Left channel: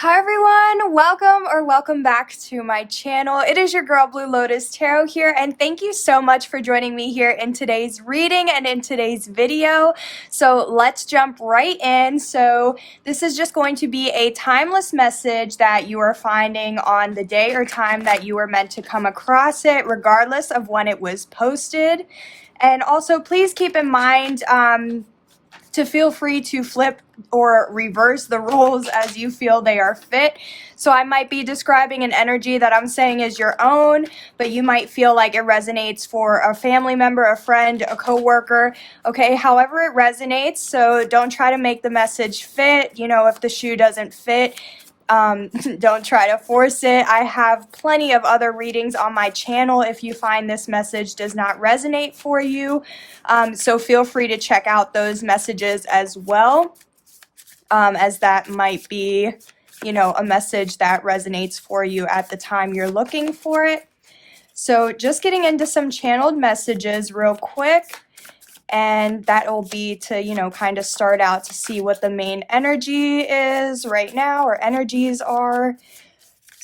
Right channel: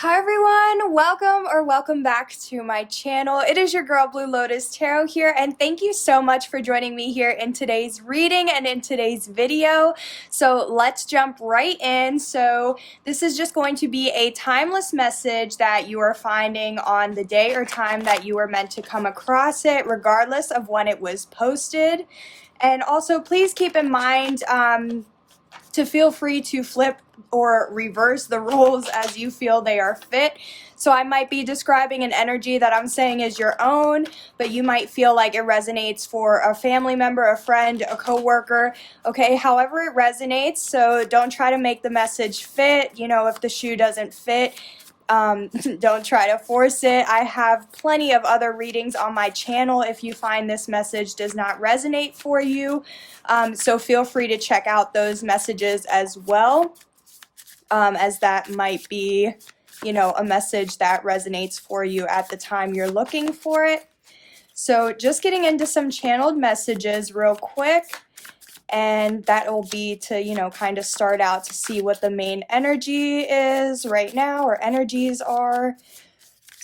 Hi everyone, welcome back to my channel. It is your girl Blue Lotus Tarot here, and thank you so much for joining me here in today's reading and in today's video. So let's jump right in. So this is just going to be a timeless message that you are finding on the day or time that you were meant to come across it, regardless of when it was posted. And also please keep in mind to feel free to flip or reverse the roles as you feel they are fit. So I might be describing an energy that I'm saying is your own, but you might feel like it resonates for a family member, a friend, a coworker, okay, however it resonates. So don't try to make the message fit. You know, if the shoe doesn't fit, don't try to force it. I have plenty of other readings on my channel if you find this message does not resonate for you. So feel free to check out those messages as well, as that might be, you know, a message that resonates for you at the time you're looking for it. So just getting into some channeled messages real quick. And that will be to, you know, kind of start out to see what the main energy is right now, or energies are.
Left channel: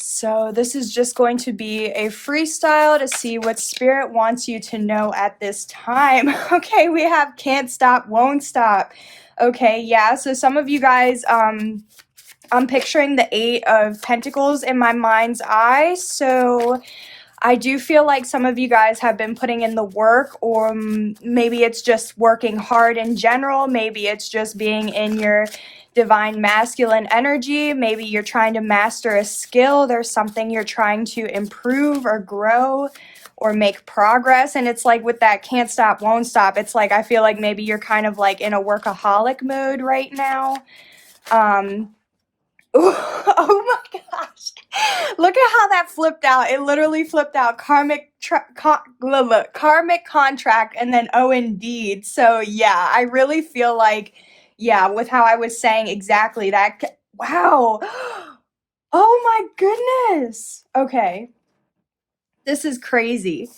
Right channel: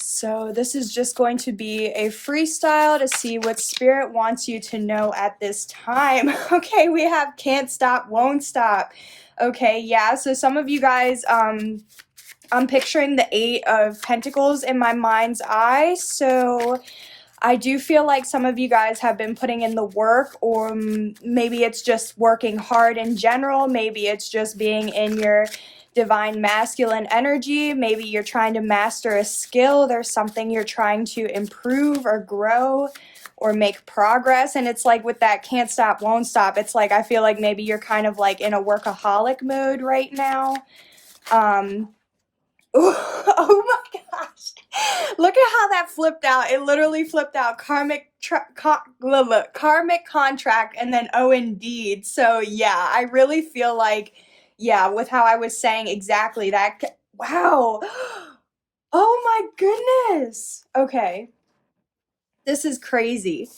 So this is just going to be a freestyle to see what Spirit wants you to know at this time. Okay, we have can't stop, won't stop. Okay, yeah, so some of you guys, I'm picturing the Eight of Pentacles in my mind's eye. So I do feel like some of you guys have been putting in the work, or maybe it's just working hard in general. Maybe it's just being in your divine masculine energy. Maybe you're trying to master a skill. There's something you're trying to improve or grow or make progress. And it's like with that can't stop, won't stop. It's like I feel like maybe you're kind of like in a workaholic mode right now. Oh my gosh. Look at how that flipped out. It literally flipped out karmic contract and then oh indeed. So yeah, I really feel like, yeah, with how I was saying exactly that. Wow. Oh my goodness. Okay. This is crazy.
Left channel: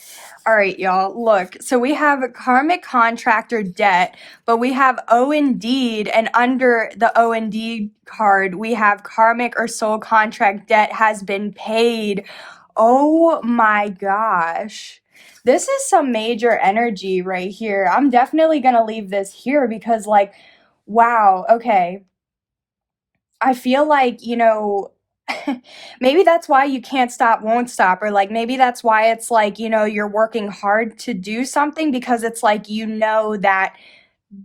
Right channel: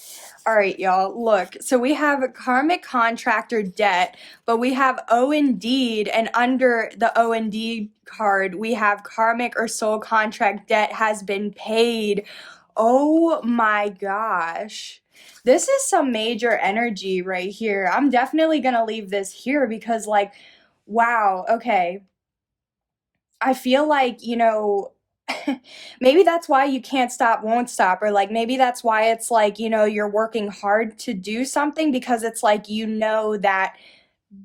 All right, y'all, look. So we have a karmic contractor debt, but we have O indeed, and under the O indeed card, we have karmic or soul contract debt has been paid. Oh my gosh. This is some major energy right here. I'm definitely going to leave this here because, like, wow, okay. I feel like, you know, maybe that's why you can't stop, won't stop, or like maybe that's why it's like, you know, you're working hard to do something because it's like, you know, that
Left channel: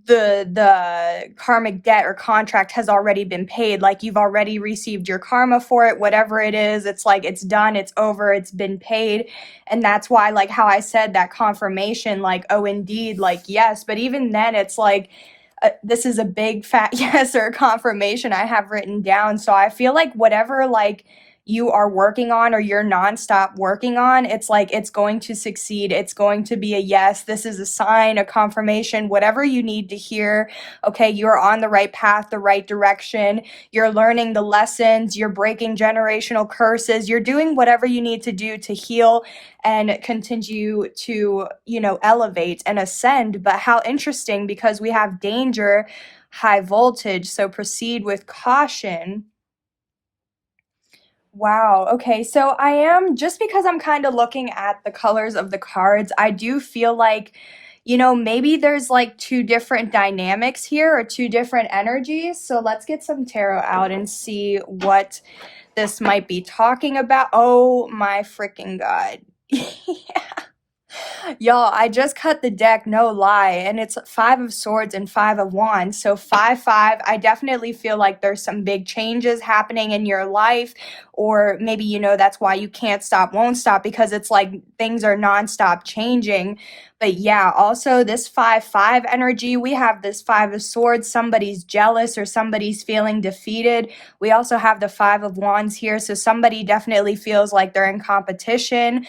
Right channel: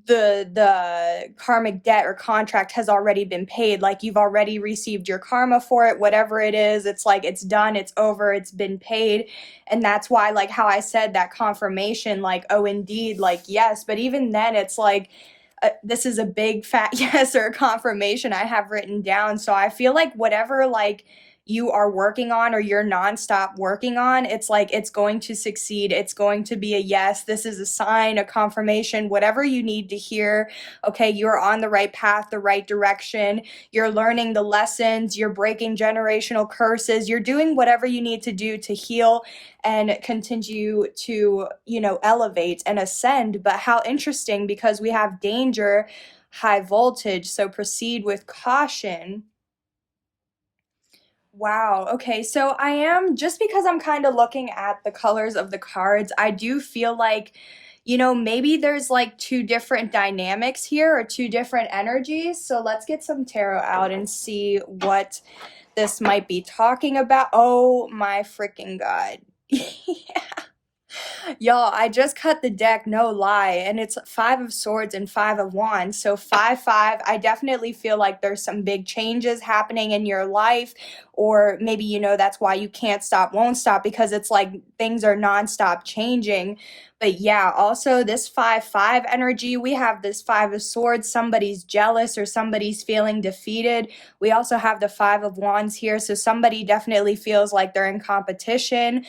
the karmic debt or contract has already been paid. Like you've already received your karma for it, whatever it is. It's like it's done, it's over, it's been paid. And that's why, like how I said that confirmation, like, oh indeed, like yes. But even then it's like this is a big fat yes or confirmation I have written down. So I feel like whatever like you are working on or you're nonstop working on, it's like it's going to succeed. It's going to be a yes. This is a sign, a confirmation, whatever you need to hear. Okay, you're on the right path, the right direction. You're learning the lessons. You're breaking generational curses. You're doing whatever you need to do to heal and continue to, you know, elevate and ascend. But how interesting, because we have danger, high voltage, so proceed with caution. Wow. Okay. So I am, just because I'm kind of looking at the colors of the cards, I do feel like, you know, maybe there's like two different dynamics here or two different energies. So let's get some tarot out and see what this might be talking about. Oh my freaking God. Yeah. Y'all, I just cut the deck, no lie, and it's Five of Swords and Five of Wands. So 5-5, I definitely feel like there's some big changes happening in your life, or maybe, you know, that's why you can't stop, won't stop, because it's like things are nonstop changing. But yeah, also this 5-5 energy, we have this Five of Swords, somebody's jealous or somebody's feeling defeated. We also have the Five of Wands here, so somebody definitely feels like they're in competition.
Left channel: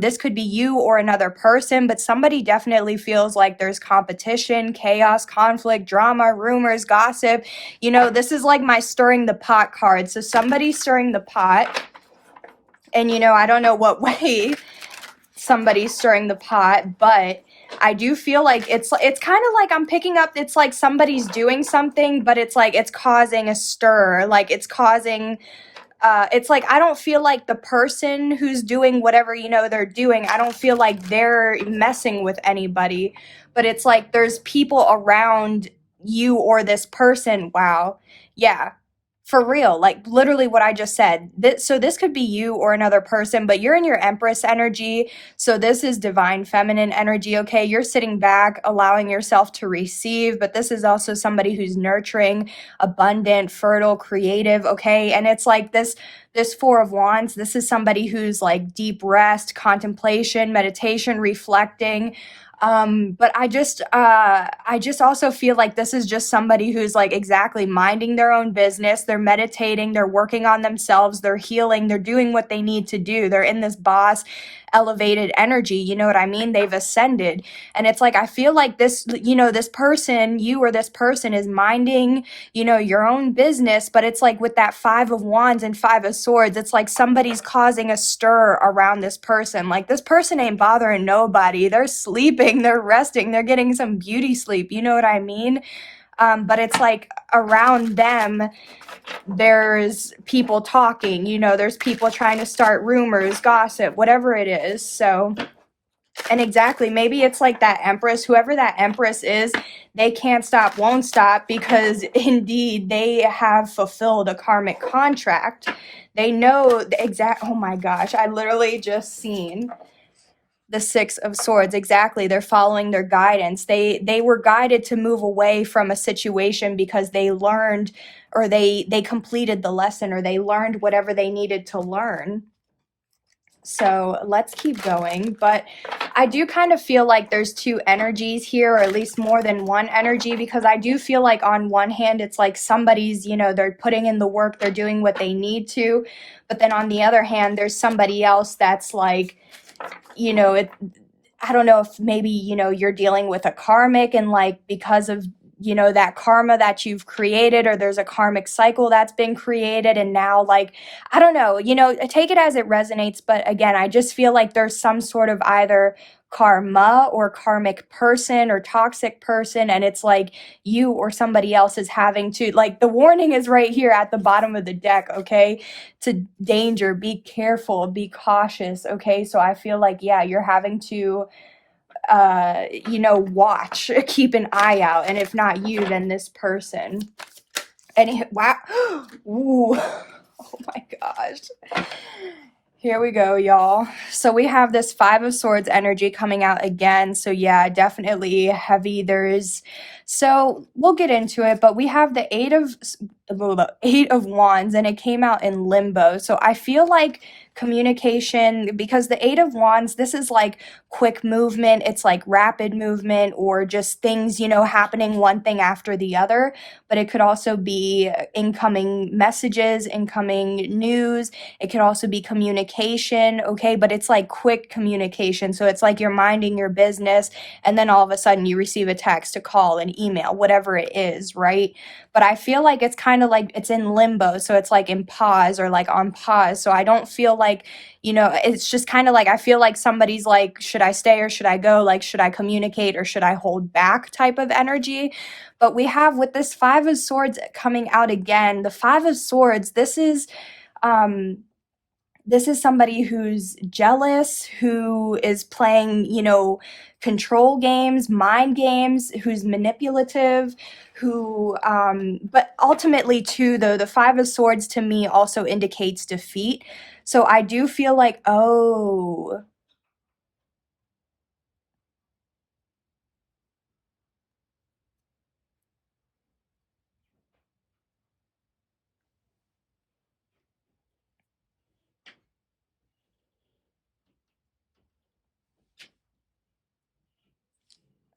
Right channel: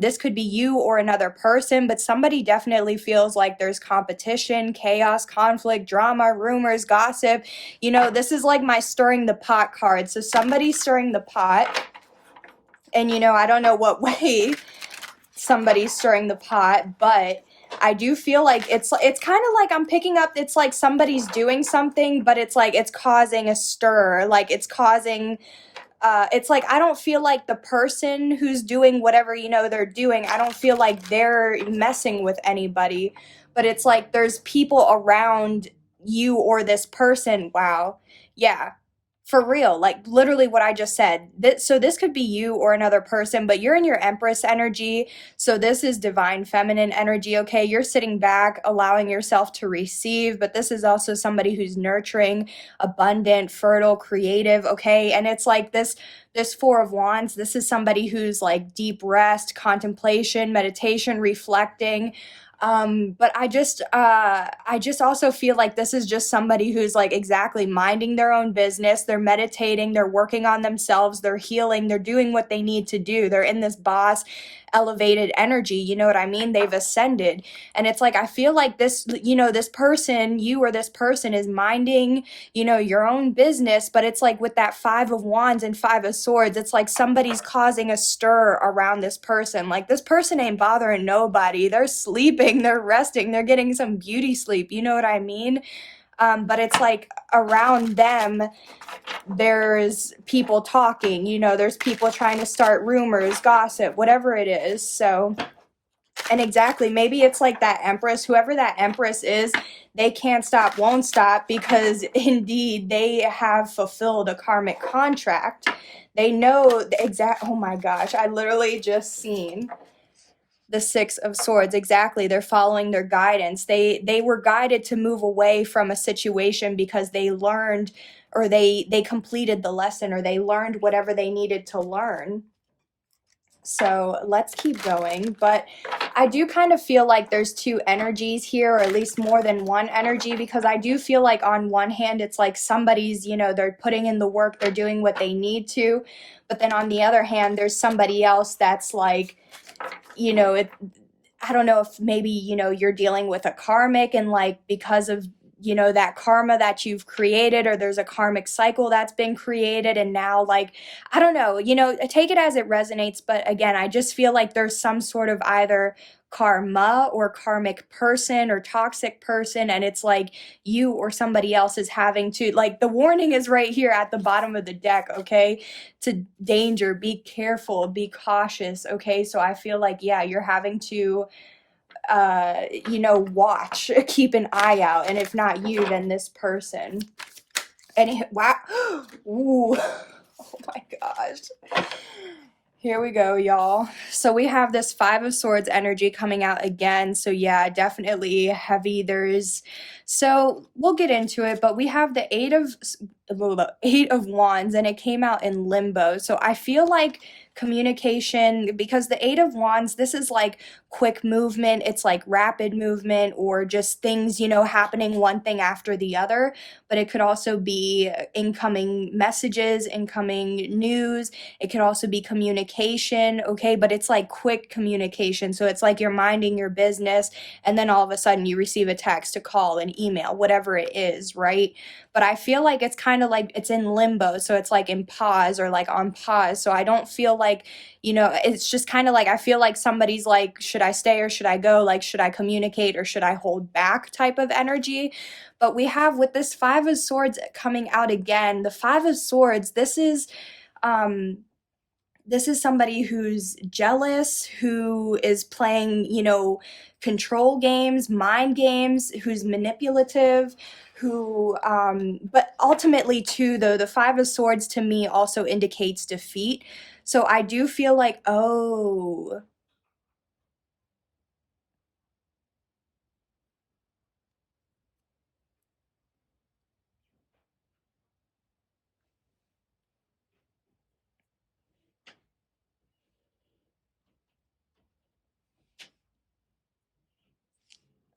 This could be you or another person, but somebody definitely feels like there's competition, chaos, conflict, drama, rumors, gossip. You know, this is like my stirring the pot card. So somebody's stirring the pot, and you know, I don't know what way somebody's stirring the pot, but I do feel like it's kind of like I'm picking up, it's like somebody's doing something, but it's like it's causing a stir, like it's causing it's like I don't feel like the person who's doing whatever they're doing, I don't feel like they're messing with anybody, but it's like there's people around you or this person. Wow. Yeah, for real, like literally what I just said. So this could be you or another person, but you're in your Empress energy. So this is divine feminine energy, okay? You're sitting back, allowing yourself to receive, but this is also somebody who's nurturing, abundant, fertile, creative, okay? And it's like this Four of Wands, this is somebody who's like deep rest, contemplation, meditation, reflecting. But I just also feel like this is just somebody who's like exactly minding their own business. They're meditating, they're working on themselves, they're healing, they're doing what they need to do. They're in this boss elevated energy, you know what I mean? They've ascended. And it's like I feel like this, this person, you or this person is minding, your own business, but it's like with that Five of Wands and Five of Swords, it's like somebody's causing a stir around this person. Like this person ain't bothering nobody. They're sleeping, they're resting, they're getting some beauty sleep, you know what I mean? But it's like around them, there's people talking, there's people trying to start rumors, gossip, whatever it is. So, and exactly, maybe it's like that Empress, whoever that Empress is, they can't stop, won't stop, because indeed they have fulfilled a karmic contract. They know the exact, oh my gosh, I literally just seen the Six of Swords. Exactly, they're following their guidance. They were guided to move away from a situation because they learned, or they completed the lesson, or they learned whatever they needed to learn. So let's keep going. But I do kind of feel like there's two energies here, or at least more than one energy, because I do feel like on one hand, it's like somebody's, they're putting in the work, they're doing what they need to. But then on the other hand, there's somebody else that's like, I don't know if maybe, you're dealing with a karmic, and like because of, that karma that you've created, or there's a karmic cycle that's been created, and now like, I don't know, take it as it resonates. But again, I just feel like there's some sort of either karma or karmic person or toxic person, and it's like you or somebody else is having to, like, the warning is right here at the bottom of the deck, okay? To danger, be careful, be cautious, okay? So I feel like, yeah, you're having to watch, keep an eye out, and if not you, then this person. And wow, ooh, oh my gosh. Here we go, y'all. So we have this Five of Swords energy coming out again. So yeah, definitely heavy. So we'll get into it, but we have the Eight of Wands, and it came out in limbo. So I feel like communication, because the Eight of Wands, this is like quick movement, it's like rapid movement, or just things, happening one thing after the other. But it could also be incoming messages, incoming news. It could also be communication, okay? But it's like quick communication. So it's like you're minding your business, and then all of a sudden you receive a text, a call, an email, whatever it is, right? But I feel like it's kind of like it's in limbo. So it's like in pause, or like on pause. So I don't feel like, it's just kind of like, I feel like somebody's like, should I stay or should I go? Like, should I communicate or should I hold back type of energy? But we have with this Five of Swords coming out again, the Five of Swords, this is somebody who's jealous, who is playing, control games, mind games, who's manipulative, who, but ultimately too, though, the Five of Swords to me also indicates defeat. So I do feel like, oh,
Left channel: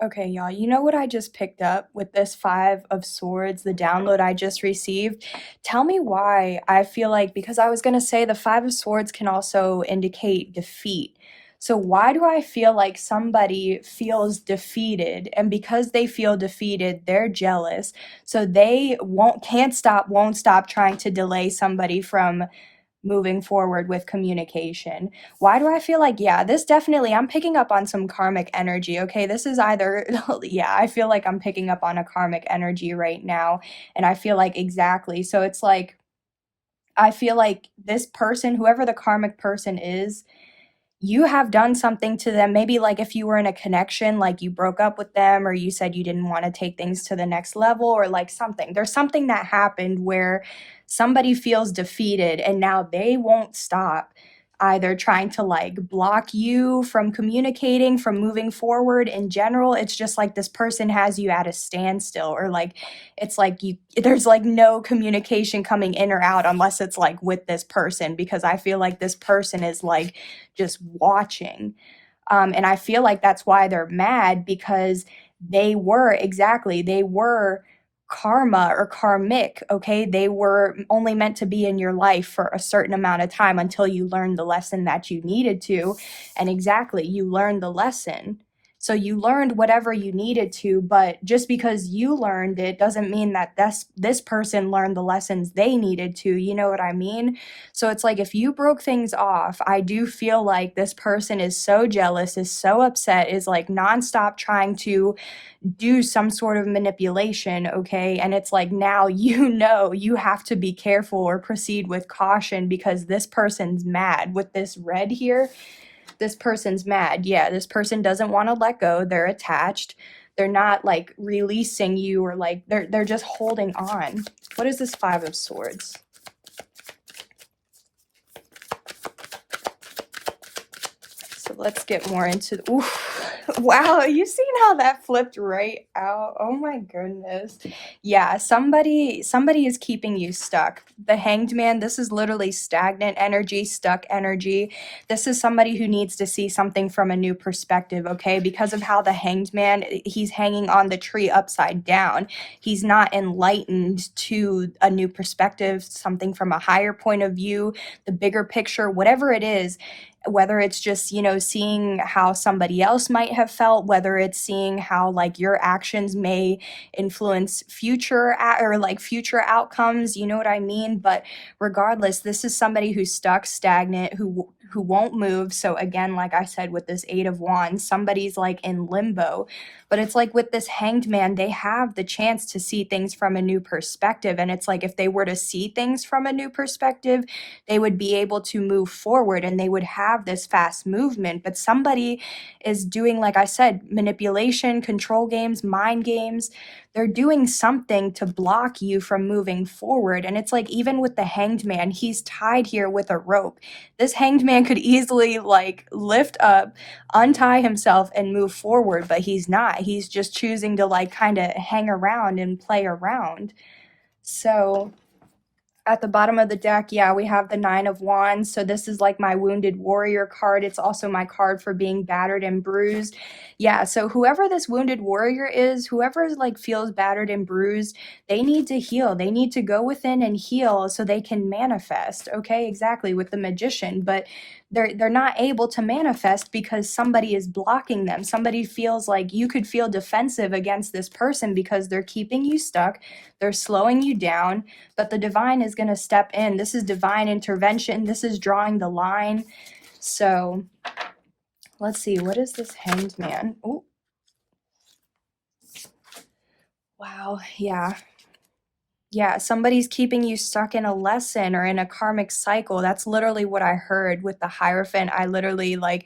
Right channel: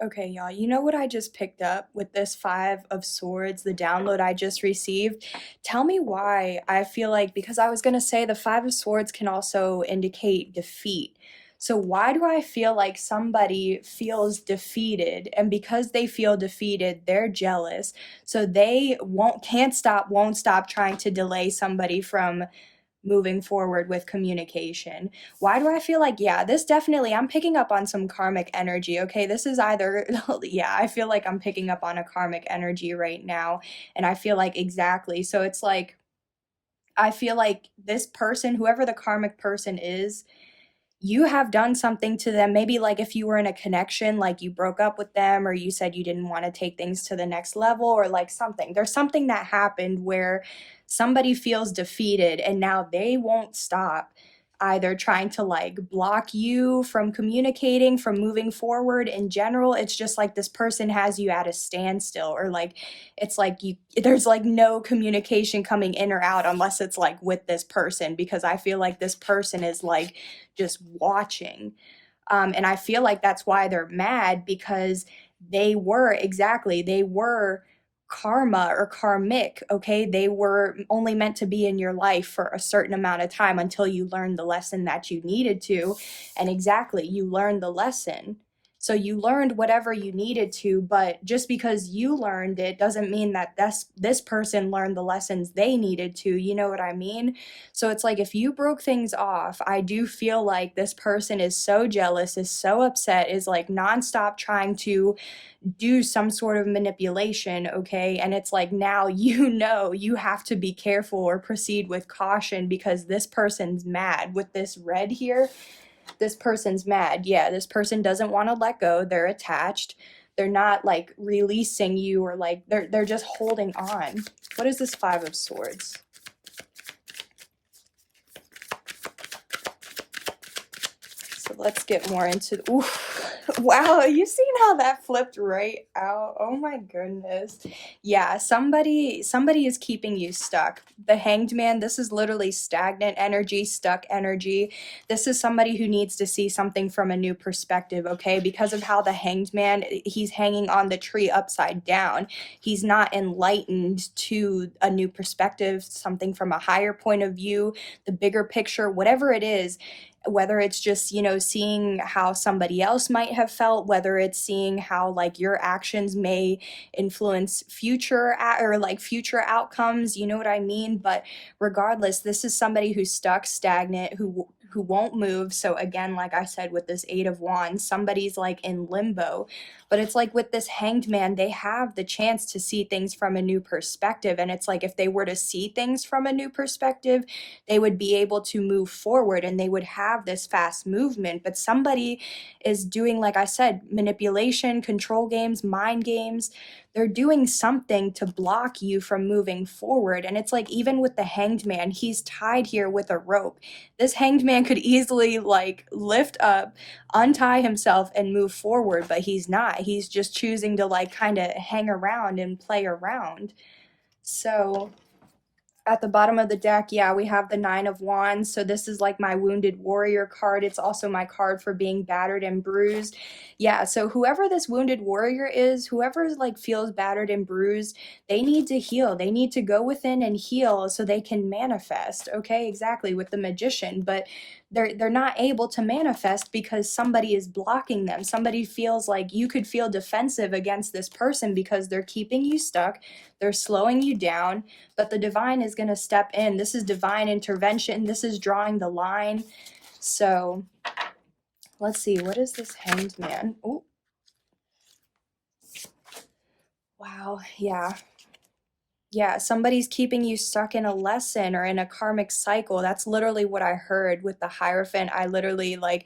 okay, y'all, you know what I just picked up with this Five of Swords, the download I just received? Tell me why I feel like, because I was going to say the Five of Swords can also indicate defeat. So why do I feel like somebody feels defeated? And because they feel defeated, they're jealous. So they won't stop trying to delay somebody from moving forward with communication. Why do I feel like, yeah, this definitely, I'm picking up on some karmic energy, okay? This is either, yeah, I feel like I'm picking up on a karmic energy right now, and I feel like exactly. So it's like, I feel like this person, whoever the karmic person is, you have done something to them. Maybe like if you were in a connection, like you broke up with them or you said you didn't want to take things to the next level or like something. There's something that happened where somebody feels defeated and now they won't stop either trying to like block you from communicating, from moving forward in general. It's just like this person has you at a standstill, or like it's like there's like no communication coming in or out unless it's like with this person, because I feel like this person is like just watching. And I feel like that's why they're mad, because they were karma or karmic, okay? They were only meant to be in your life for a certain amount of time until you learned the lesson that you needed to. And exactly, you learned the lesson. So you learned whatever you needed to, but just because you learned it doesn't mean that this person learned the lessons they needed to, you know what I mean? So it's like if you broke things off, I do feel like this person is so jealous, is so upset, is like nonstop trying to do some sort of manipulation, okay? And it's like now you know you have to be careful or proceed with caution, because this person's mad with this red here. This person's mad. Yeah, this person doesn't want to let go. They're attached. They're not like releasing you, or like they're just holding on. What is this Five of Swords? So let's get more into, oof. Wow, you seen how that flipped right out? Oh my goodness. Yeah, somebody is keeping you stuck. The Hanged Man, this is literally stagnant energy, stuck energy. This is somebody who needs to see something from a new perspective, okay? Because of how the Hanged Man, he's hanging on the tree upside down. He's not enlightened to a new perspective, something from a higher point of view, the bigger picture, whatever it is. Whether it's just, you know, seeing how somebody else might have felt, whether it's seeing how like your actions may influence future outcomes, you know what I mean? But regardless, this is somebody who's stuck, stagnant, who won't move. So again, like I said, with this Eight of Wands, somebody's like in limbo. But it's like with this Hanged Man, they have the chance to see things from a new perspective. And it's like if they were to see things from a new perspective, they would be able to move forward and they would have this fast movement. But somebody is doing, like I said, manipulation, control games, mind games. They're doing something to block you from moving forward. And it's like, even with the Hanged Man, he's tied here with a rope. This Hanged Man could easily like lift up, untie himself and move forward, but he's not. He's just choosing to like kind of hang around and play around. So at the bottom of the deck, yeah, we have the Nine of Wands. So this is like my Wounded Warrior card. It's also my card for being battered and bruised. Yeah, so whoever this Wounded Warrior is, whoever like feels battered and bruised, they need to heal. They need to go within and heal so they can manifest. Okay, exactly, with the Magician. But they're not able to manifest because somebody is blocking them. Somebody feels like you could feel defensive against this person because they're keeping you stuck. They're slowing you down, but the divine is going to step in. This is divine intervention. This is drawing the line. So let's see. What is this Hanged Man? Oh, wow. Yeah. Yeah, somebody's keeping you stuck in a lesson or in a karmic cycle. That's literally what I heard with the Hierophant. I literally like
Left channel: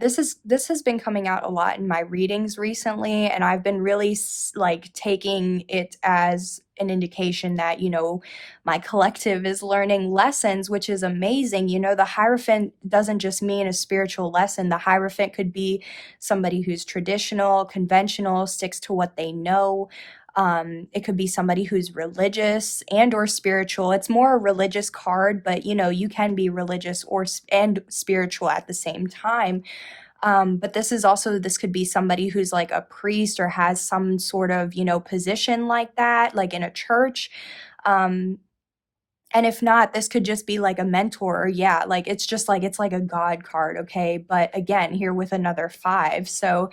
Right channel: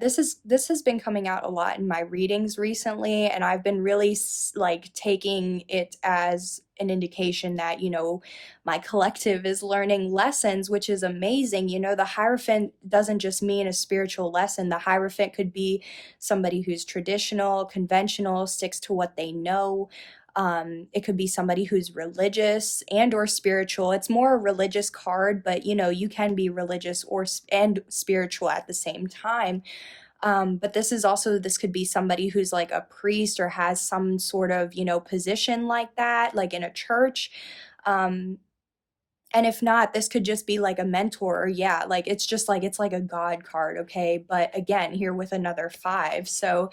this has been coming out a lot in my readings recently, and I've been really like taking it as an indication that, you know, my collective is learning lessons, which is amazing. You know, the Hierophant doesn't just mean a spiritual lesson. The Hierophant could be somebody who's traditional, conventional, sticks to what they know. It could be somebody who's religious and or spiritual. It's more a religious card, but you know, you can be religious and spiritual at the same time. But this could be somebody who's like a priest or has some sort of, you know, position like that, like in a church. And if not, this could just be like a mentor, or yeah, like it's just like, it's like a God card, okay? But again, here with another five. So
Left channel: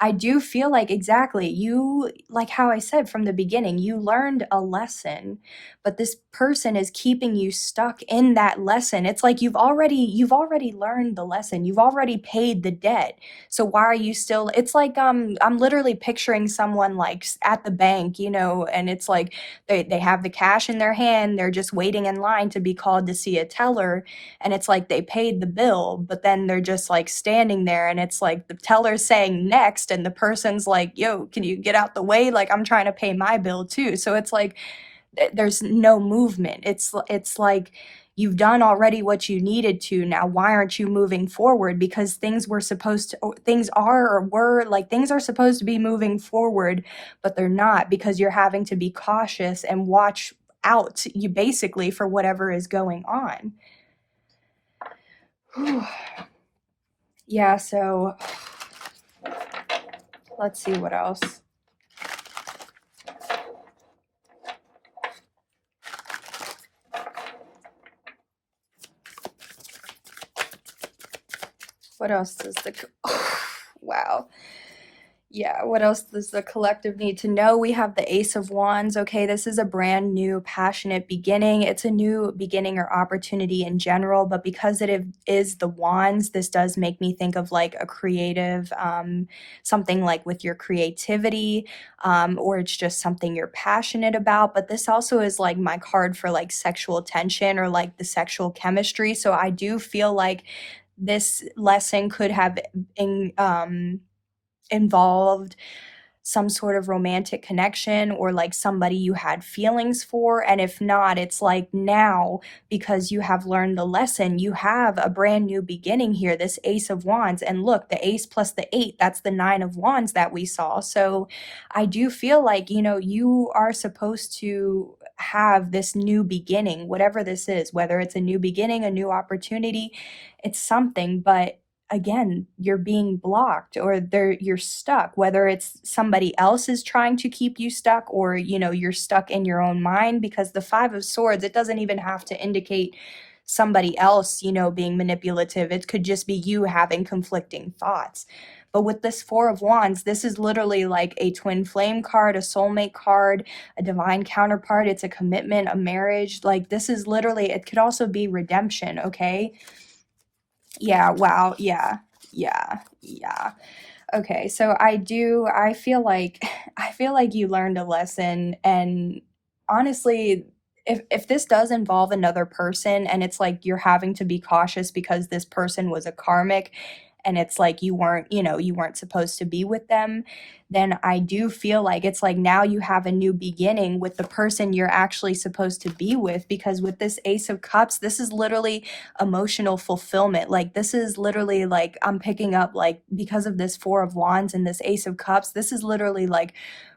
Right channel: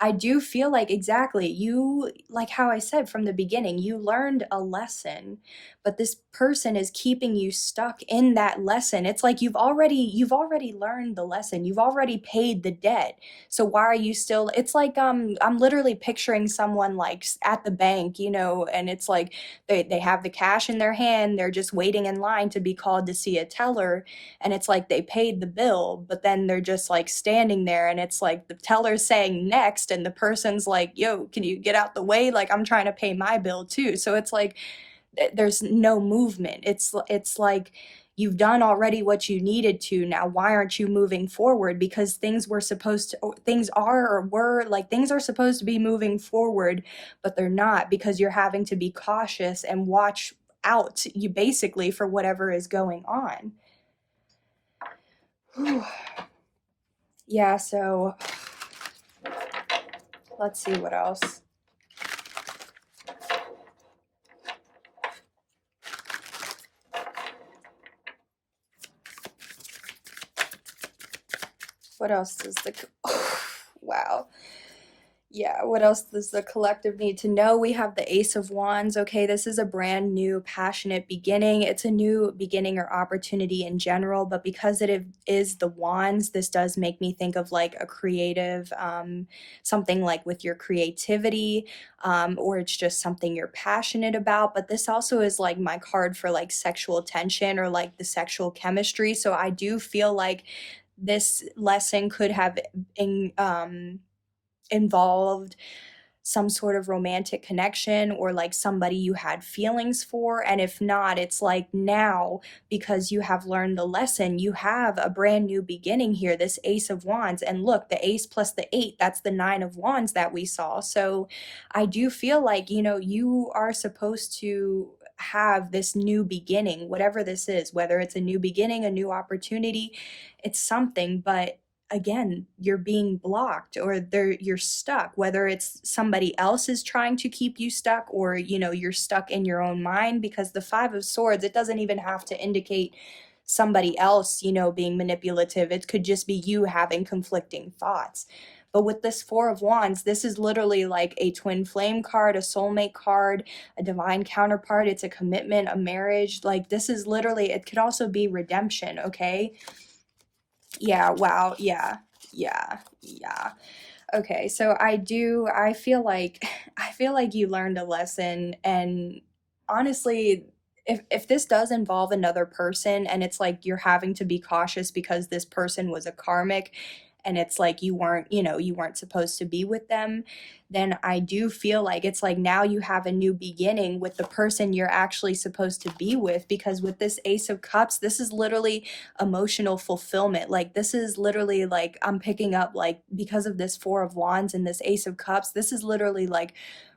I do feel like exactly you, like how I said from the beginning, you learned a lesson, but this person is keeping you stuck in that lesson. It's like you've already learned the lesson. You've already paid the debt. So why are you still, it's like I'm literally picturing someone like at the bank, and it's like they have the cash in their hand, they're just waiting in line to be called to see a teller, and it's like they paid the bill, but then they're just like standing there, and it's like the teller's saying next, and the person's like, yo, can you get out the way, like I'm trying to pay my bill too. So it's like there's no movement. It's like you've done already what you needed to. Now why aren't you moving forward? Because things are supposed to be moving forward, but they're not, because you're having to be cautious and watch out, you basically, for whatever is going on. Yeah, so let's see what else. What else does the wow. Yeah, what else does the collective need to know? We have the Ace of Wands. Okay, this is a brand new, passionate beginning. It's a new beginning or opportunity in general, but because it is the Wands, this does make me think of like a creative, something like with your creativity, or it's just something you're passionate about. But this also is like my card for like sexual tension or like the sexual chemistry. So I do feel like this lesson could have involved some sort of romantic connection or like somebody you had feelings for. And if not, it's like now, because you have learned the lesson, you have a brand new beginning here, this Ace of Wands. And look, the ace plus the 8, that's the 9 of Wands that we saw. So I do feel like, you are supposed to have this new beginning, whatever this is, whether it's a new beginning, a new opportunity, it's something. But again, you're being blocked, or you're stuck, whether it's somebody else is trying to keep you stuck, or you're stuck in your own mind, because the 5 of Swords, it doesn't even have to indicate somebody else being manipulative. It could just be you having conflicting thoughts. But with this 4 of Wands, this is literally like a twin flame card, a soulmate card, a divine counterpart. It's a commitment, a marriage. Like this is literally, it could also be redemption. Okay, yeah, wow, yeah. Okay, so I feel like I feel like you learned a lesson. And honestly, if this does involve another person, and it's like you're having to be cautious because this person was a karmic, and it's like you weren't supposed to be with them, then I do feel like it's like now you have a new beginning with the person you're actually supposed to be with. Because with this Ace of Cups, this is literally emotional fulfillment. Like this is literally like I'm picking up, like, because of this 4 of Wands and this Ace of Cups, this is literally like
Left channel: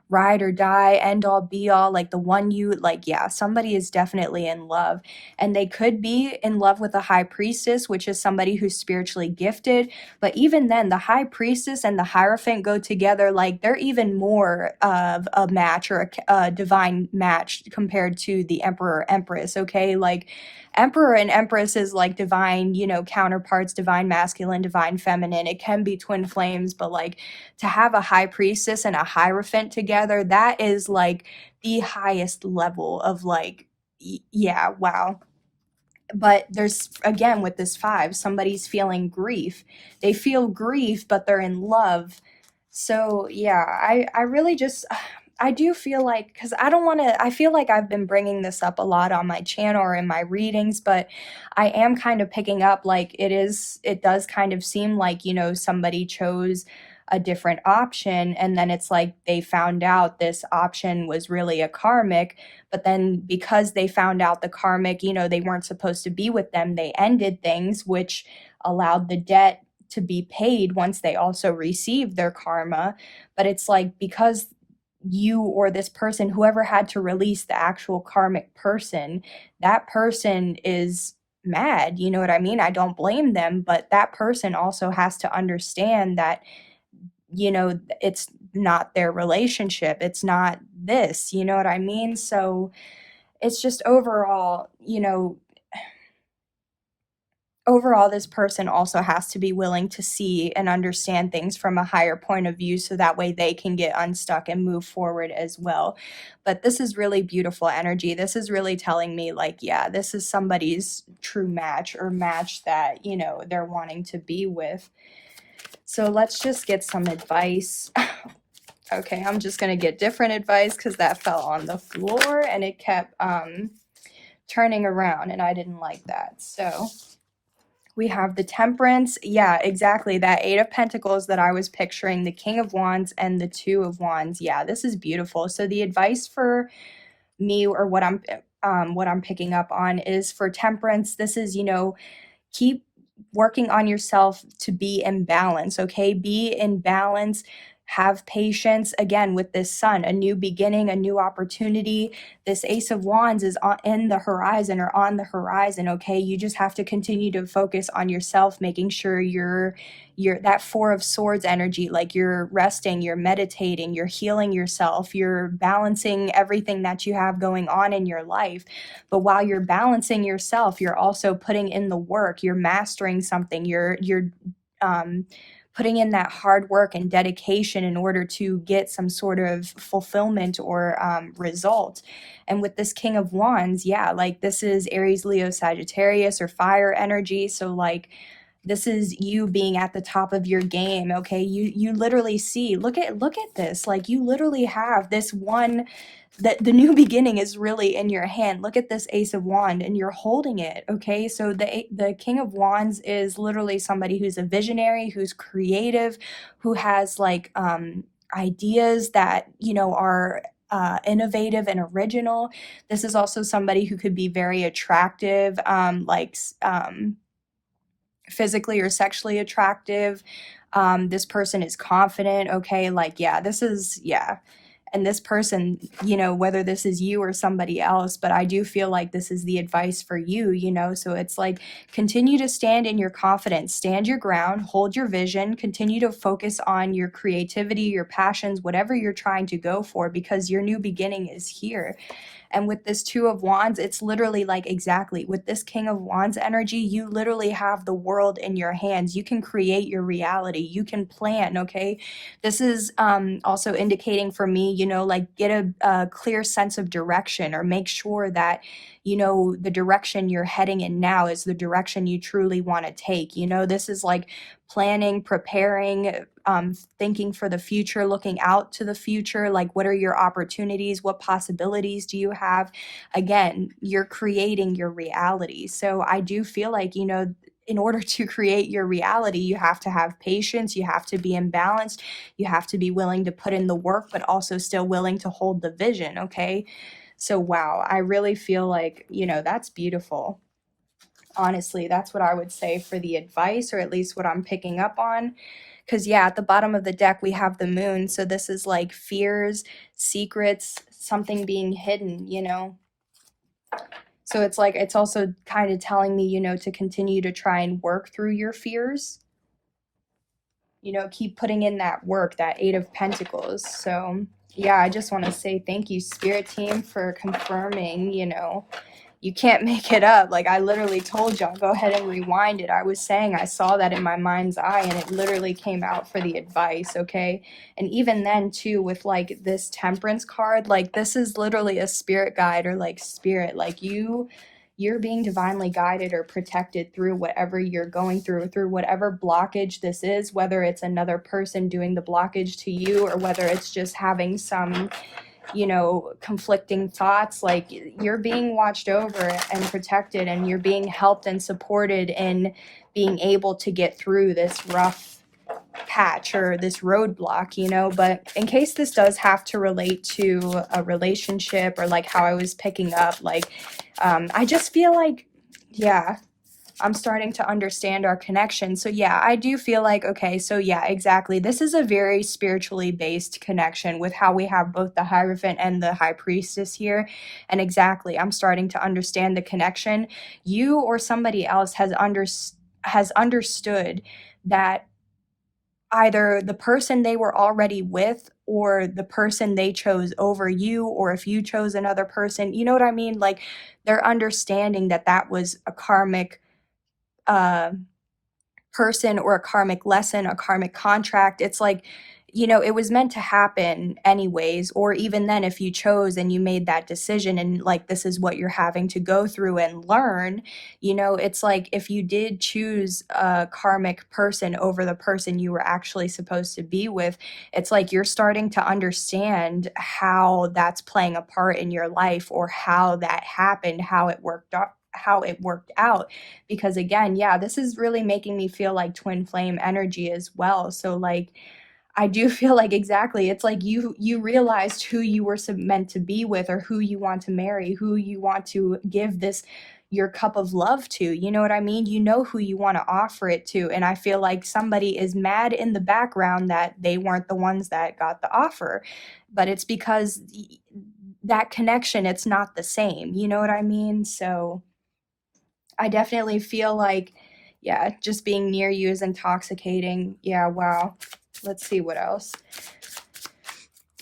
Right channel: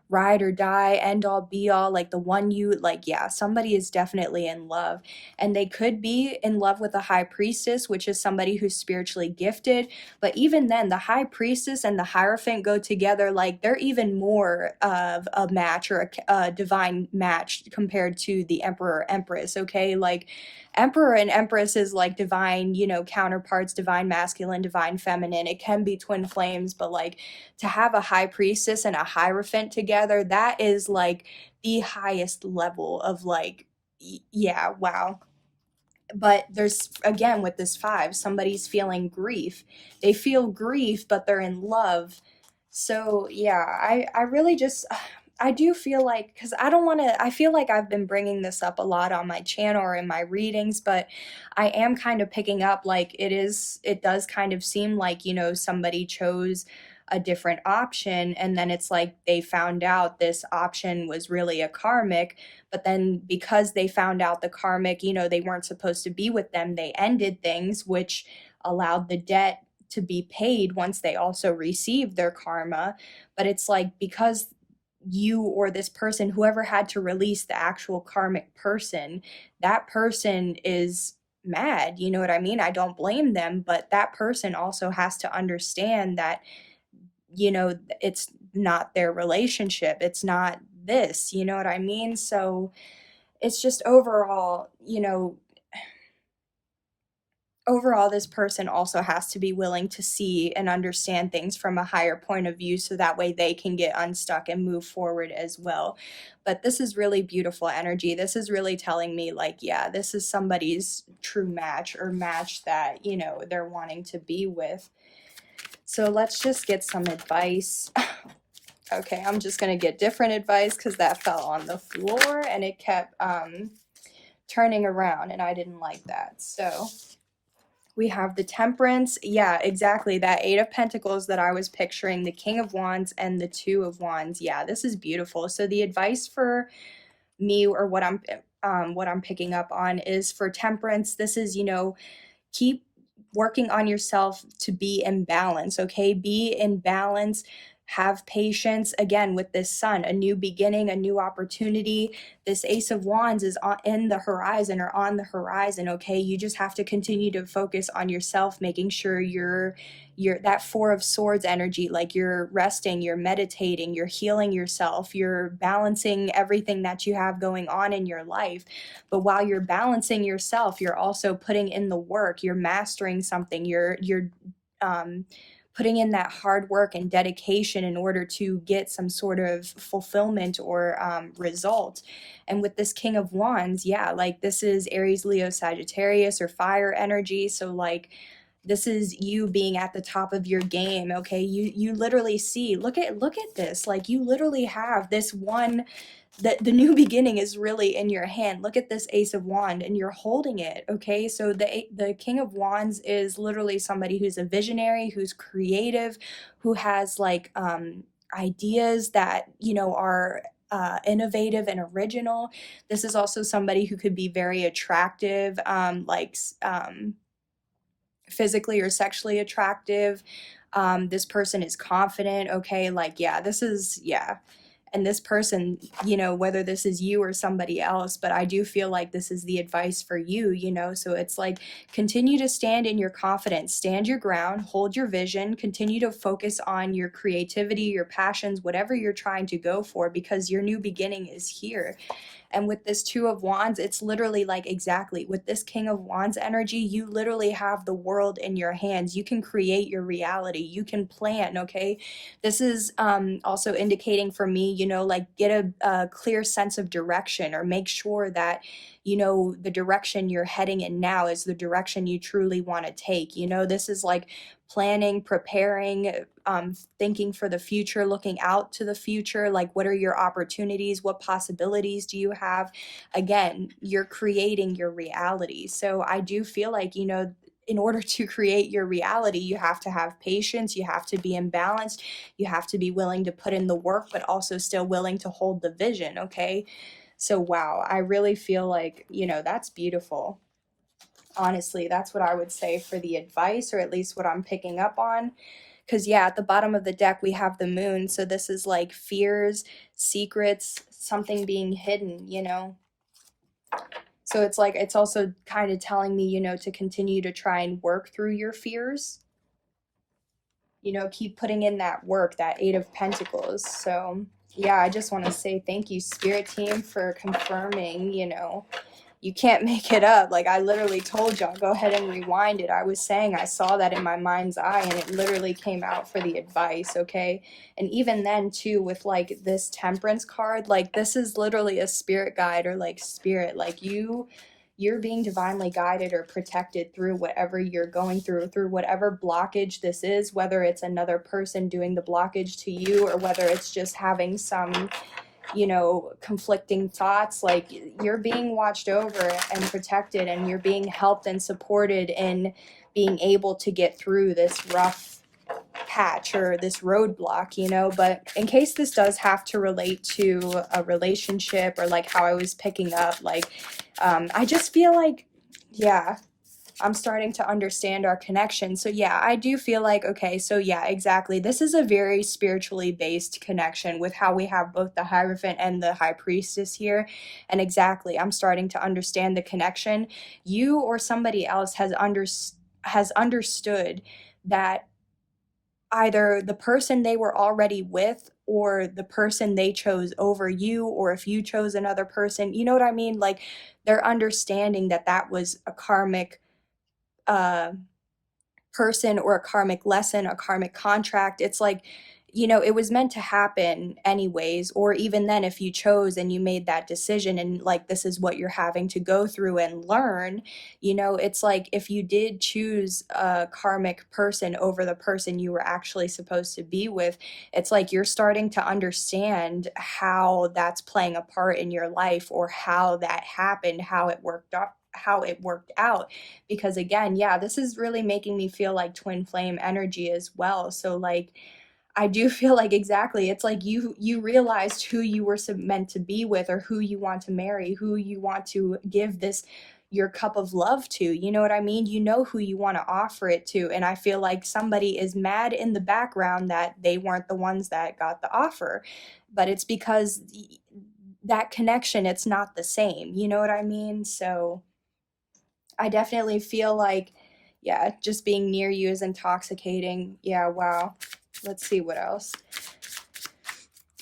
ride or die, end all be all, like the one you like. Yeah, somebody is definitely in love, and they could be in love with a High Priestess, which is somebody who's spiritually gifted. But even then, the High Priestess and the Hierophant go together, like they're even more of a match, or a divine match, compared to the Emperor Empress. Okay, like Emperor and Empress is like divine, counterparts, divine masculine, divine feminine. It can be twin flames, but like to have a High Priestess and a Hierophant together, that is like the highest level of like, yeah, wow. But there's, again, with this 5, somebody's feeling grief. They feel grief, but they're in love. So yeah, I really just, I do feel like, because I don't want to, I feel like I've been bringing this up a lot on my channel or in my readings, but I am kind of picking up like it does kind of seem like somebody chose a different option, and then it's like they found out this option was really a karmic. But then because they found out the karmic, they weren't supposed to be with them, they ended things, which allowed the debt to be paid once they also received their karma. But it's like, because you or this person, whoever had to release the actual karmic person, that person is mad. You know what I mean? I don't blame them, but that person also has to understand that it's not their relationship. It's not this, you know what I mean? So it's just overall, overall, this person also has to be willing to see and understand things from a higher point of view so that way they can get unstuck and move forward as well. But this is really beautiful energy. This is really telling me, like, yeah, this is somebody's true match, or match that, you know, they're wanting to be with. So let's just get some advice. Okay, I'm just gonna get different advice because that fell on the floor and it kept turning around and I didn't like that. So we have the Temperance. Yeah, exactly. That Eight of Pentacles that I was picturing, the King of Wands and the Two of Wands. Yeah, this is beautiful. So the advice for me, or what I'm picking up on, is for Temperance. This is, you know, keep working on yourself to be in balance, okay? Be in balance. Have patience, again, with this Sun, a new beginning, a new opportunity. This Ace of Wands is in the horizon, or on the horizon, okay? You just have to continue to focus on yourself, making sure you're that Four of Swords energy, like you're resting, you're meditating, you're healing yourself, you're balancing everything that you have going on in your life. But while you're balancing yourself, you're also putting in the work, you're mastering something, you're putting in that hard work and dedication in order to get some sort of fulfillment or result. And with this King of Wands, yeah, like this is Aries, Leo, Sagittarius, or fire energy. So like, this is you being at the top of your game, okay? You literally see, look at this, like you literally have this one, that the new beginning is really in your hand. Look at this Ace of Wands and you're holding it, okay? So the King of Wands is literally somebody who's a visionary, who's creative, who has like ideas that, you know, are innovative and original. This is also somebody who could be very attractive, physically or sexually attractive. This person is confident, okay? Like, yeah, this is, yeah. And this person, you know, whether this is you or somebody else, but I do feel like this is the advice for you, you know? So it's like, continue to stand in your confidence, stand your ground, hold your vision, continue to focus on your creativity, your passions, whatever you're trying to go for, because your new beginning is here. And with this Two of Wands, it's literally like, exactly, with this King of Wands energy, you literally have the world in your hands. You can create your reality. You can plan, okay? This is also indicating for me, you know, like get a clear sense of direction, or make sure that, you know, the direction you're heading in now is the direction you truly want to take. You know, this is like planning, preparing, thinking for the future, looking out to the future. Like, what are your opportunities? What possibilities do you have? Again, you're creating your reality. So I do feel like, you know, in order to create your reality, you have to have patience, you have to be imbalanced, you have to be willing to put in the work, but also still willing to hold the vision, okay? So wow, I really feel like, you know, that's beautiful. Honestly, that's what I would say for the advice, or at least what I'm picking up on. Because yeah, at the bottom of the deck we have the Moon, so this is like fears, secrets, something being hidden, you know? So it's like, it's also kind of telling me, you know, to continue to try and work through your fears. You know, keep putting in that work, that Eight of Pentacles. So yeah, I just want to say thank you, Spirit Team, for confirming, you know, you can't make it up. Like, I literally told y'all, go ahead and rewind it. I was saying I saw that in my mind's eye, and it literally came out for the advice, okay? And even then, too, with, like, this Temperance card, like, this is literally a spirit guide, or, like, spirit. Like, you're being divinely guided or protected through whatever you're going through whatever blockage this is, whether it's another person doing the blockage to you, or whether it's just having some, you know, conflicting thoughts. Like, you're being watched over and protected, and you're being helped and supported in being able to get through this rough patch or this roadblock, you know. But in case this does have to relate to a relationship, or like how I was picking up, like I just feel like, yeah, I'm starting to understand our connection. So yeah, I do feel like, okay, so yeah, exactly. This is a very spiritually based connection with how we have both the Hierophant and the High Priestess here. And exactly, I'm starting to understand the connection. You or somebody else has understood that either the person they were already with, or the person they chose over you, or if you chose another person, you know what I mean? Like, they're understanding that that was a karmic person or a karmic lesson, a karmic contract. It's like, you know, it was meant to happen anyways, or even then, if you chose and you made that decision and like this is what you're having to go through and learn, you know, it's like if you did choose a karmic person over the person you were actually supposed to be with, it's like you're starting to understand how that's playing a part in your life, or how that happened, how it worked out. Because again, yeah, this is really making me feel like twin flame energy as well. So like I do feel like, exactly, it's like you realized who you were meant to be with, or who you want to marry, who you want to give this your cup of love to. You know what I mean? You know who you want to offer it to. And I feel like somebody is mad in the background that they weren't the ones that got the offer. But it's because that connection, it's not the same. You know what I mean? So I definitely feel like, yeah, just being near you is intoxicating. Yeah, wow. Let's see what else.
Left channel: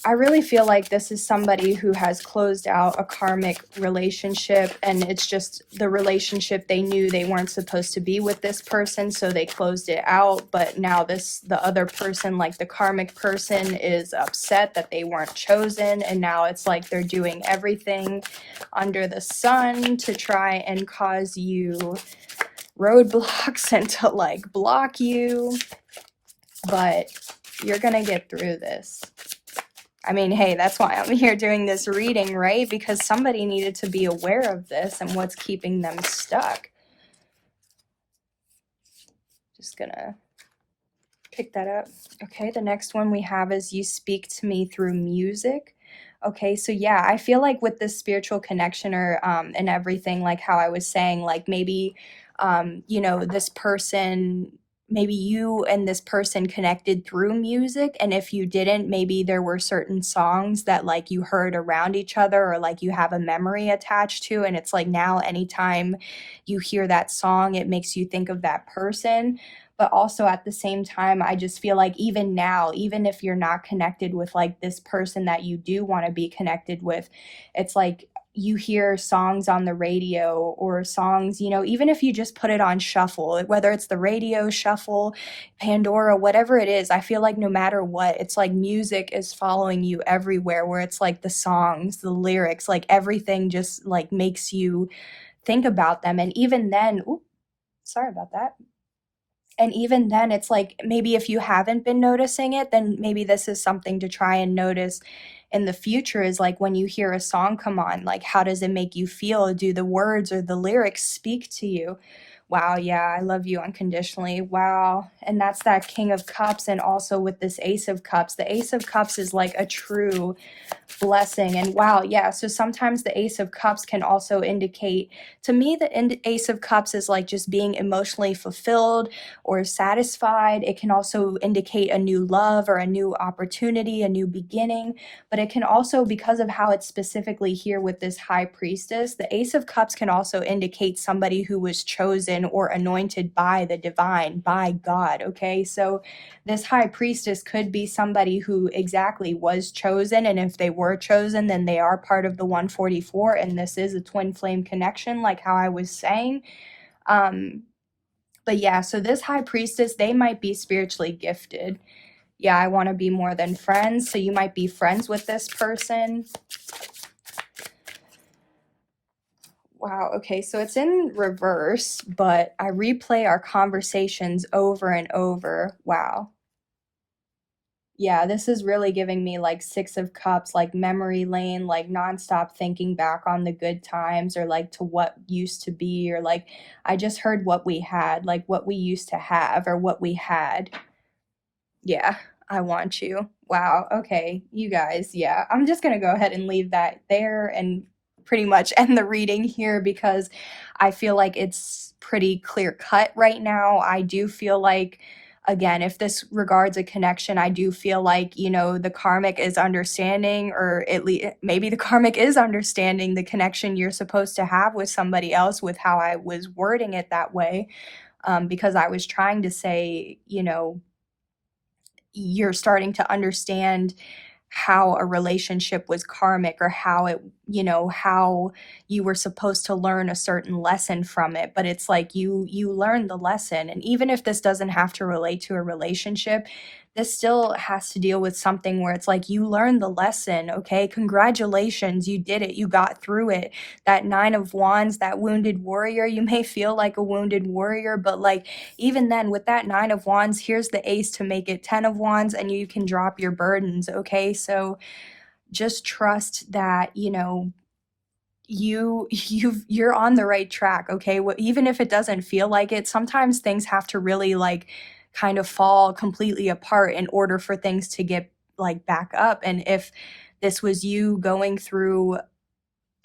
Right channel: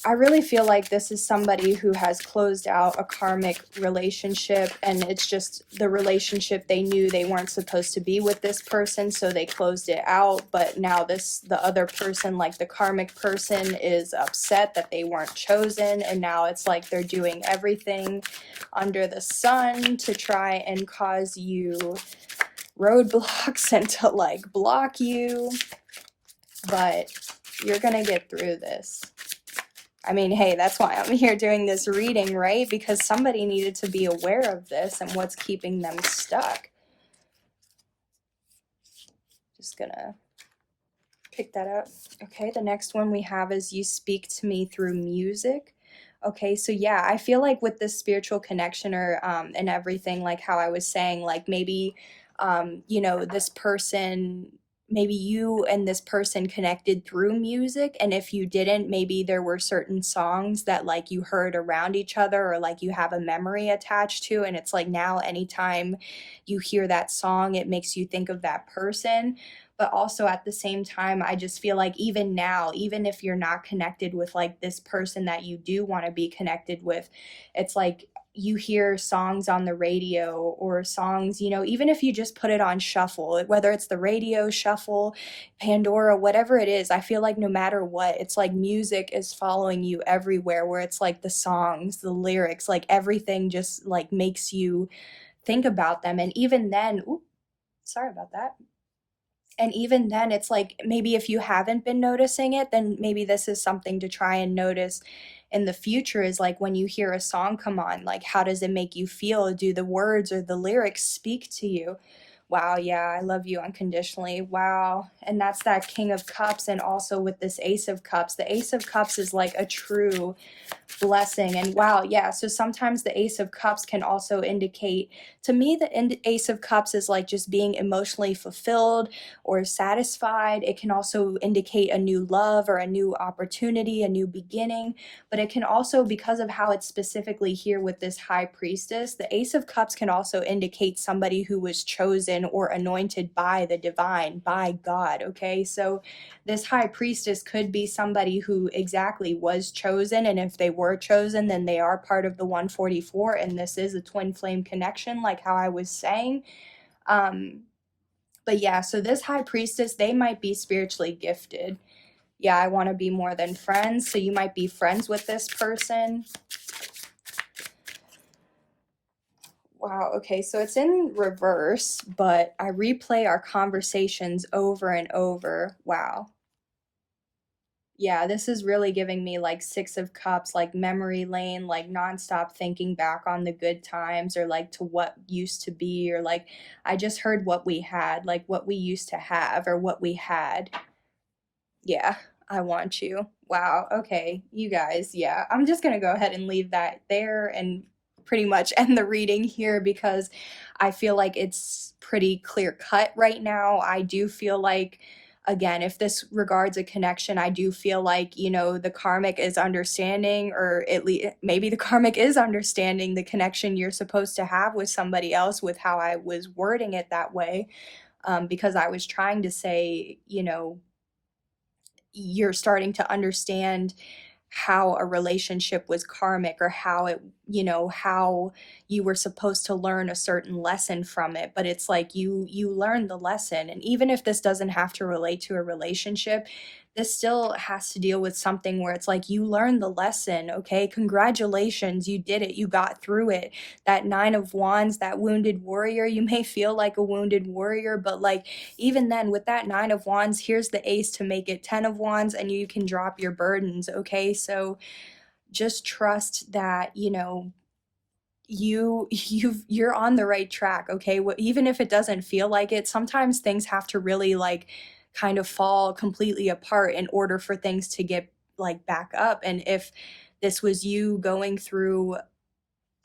I really feel like this is somebody who has closed out a karmic relationship, and it's just the relationship they knew they weren't supposed to be with this person, so they closed it out. But now the other person, like the karmic person, is upset that they weren't chosen, and now it's like they're doing everything under the sun to try and cause you roadblocks and to like block you. But you're gonna get through this. I mean, hey, that's why I'm here doing this reading, right? Because somebody needed to be aware of this and what's keeping them stuck. Just gonna pick that up. Okay, the next one we have is you speak to me through music. Okay, so yeah, I feel like with this spiritual connection, or and everything, like how I was saying, like maybe you know, this person, maybe you and this person connected through music, and if you didn't, maybe there were certain songs that like you heard around each other, or like you have a memory attached to, and it's like now anytime you hear that song, it makes you think of that person. But also at the same time, I just feel like even now, even if you're not connected with like this person that you do want to be connected with, it's like you hear songs on the radio, or songs, you know, even if you just put it on shuffle, whether it's the radio shuffle, Pandora, whatever it is, I feel like no matter what, it's like music is following you everywhere, where it's like the songs, the lyrics, like everything just like makes you think about them. And even then, ooh, sorry about that. And even then, it's like maybe if you haven't been noticing it, then maybe this is something to try and notice in the future, is like when you hear a song come on, like how does it make you feel? Do the words or the lyrics speak to you? Wow, yeah, I love you unconditionally. Wow. And that's that King of Cups. And also with this Ace of Cups, the Ace of Cups is like a true blessing. And wow, yeah, so sometimes the Ace of Cups can also indicate, to me, the Ace of Cups is like just being emotionally fulfilled or satisfied. It can also indicate a new love or a new opportunity, a new beginning. But it can also, because of how it's specifically here with this High Priestess, the Ace of Cups can also indicate somebody who was chosen or anointed by the divine, by God. Okay, so this High Priestess could be somebody who exactly was chosen, and if they were chosen, then they are part of the 144, and this is a twin flame connection, like how I was saying. But yeah, so this High Priestess, they might be spiritually gifted. Yeah, I want to be more than friends, so you might be friends with this person. Wow, okay, so it's in reverse, but I replay our conversations over and over. Wow. Yeah, this is really giving me like Six of Cups, like memory lane, like nonstop thinking back on the good times, or like to what used to be, or like I just heard what we had, like what we used to have, or what we had. Yeah, I want you. Wow, okay, you guys, yeah, I'm just gonna go ahead and leave that there and pretty much end the reading here, because I feel like it's pretty clear cut right now. I do feel like, again, if this regards a connection, I do feel like, you know, the karmic is understanding, or at least maybe the karmic is understanding the connection you're supposed to have with somebody else, with how I was wording it that way. Because I was trying to say, you know, you're starting to understand how a relationship was karmic, or how it, you know, how you were supposed to learn a certain lesson from it. But it's like you learned the lesson. And even if this doesn't have to relate to a relationship, this still has to deal with something where it's like you learned the lesson. Okay, congratulations, you did it, you got through it. That Nine of Wands, that wounded warrior, you may feel like a wounded warrior, but like even then with that Nine of Wands, here's the ace to make it 10 of Wands, and you can drop your burdens. Okay, so just trust that, you know, you're on the right track. Okay, even if it doesn't feel like it, sometimes things have to really like kind of fall completely apart in order for things to get like back up. And if this was you going through,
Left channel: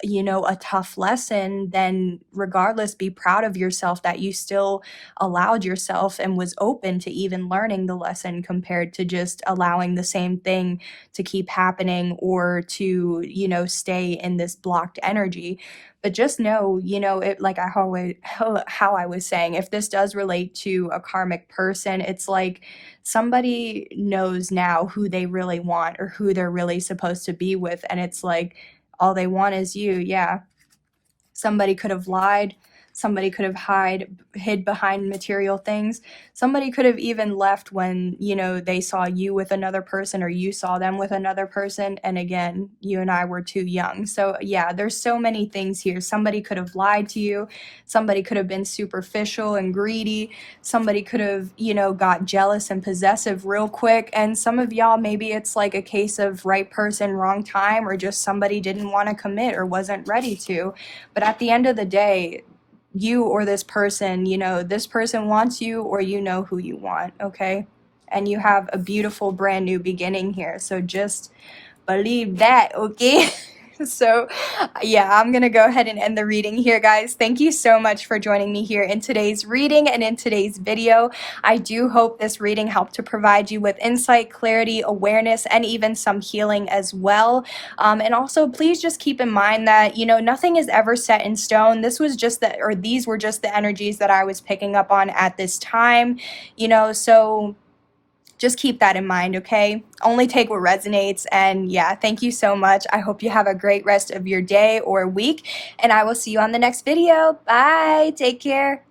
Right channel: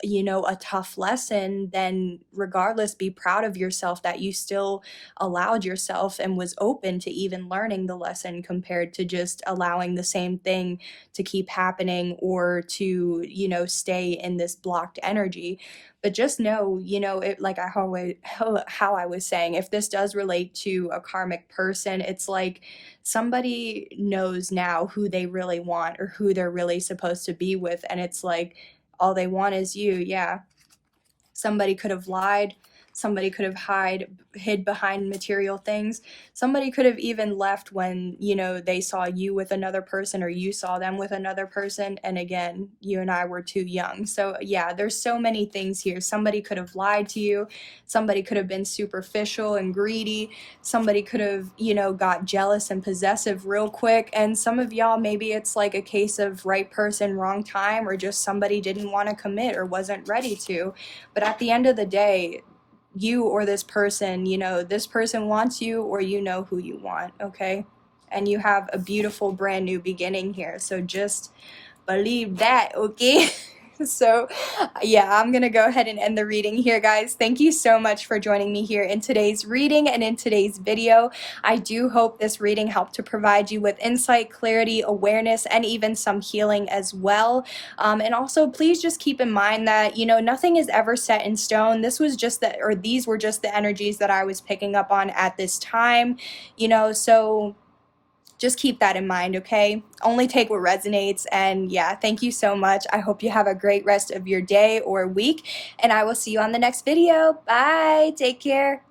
you know, a tough lesson, then regardless, be proud of yourself that you still allowed yourself and was open to even learning the lesson, compared to just allowing the same thing to keep happening, or to, you know, stay in this blocked energy. But just know, you know, it, like how I was saying, if this does relate to a karmic person, it's like somebody knows now who they really want, or who they're really supposed to be with, and it's like all they want is you. Yeah, somebody could have lied, somebody could have hid behind material things, somebody could have even left when, you know, they saw you with another person, or you saw them with another person, and again, you and I were too young. So yeah, there's so many things here. Somebody could have lied to you, somebody could have been superficial and greedy, somebody could have, you know, got jealous and possessive real quick, and some of y'all, maybe it's like a case of right person, wrong time, or just somebody didn't want to commit or wasn't ready to. But at the end of the day, you or this person, you know, this person wants you, or you know who you want. Okay, and you have a beautiful brand new beginning here, so just believe that. Okay. So yeah, I'm gonna go ahead and end the reading here, guys. Thank you so much for joining me here in today's reading and in today's video. I do hope this reading helped to provide you with insight, clarity, awareness, and even some healing as well. And also, please just keep in mind that, you know, nothing is ever set in stone. This was just the, or these were just the energies that I was picking up on at this time, you know, so just keep that in mind. Okay, only take what resonates. And yeah, thank you so much. I hope you have a great rest of your day or week, and I will see you on the next video. Bye, take care.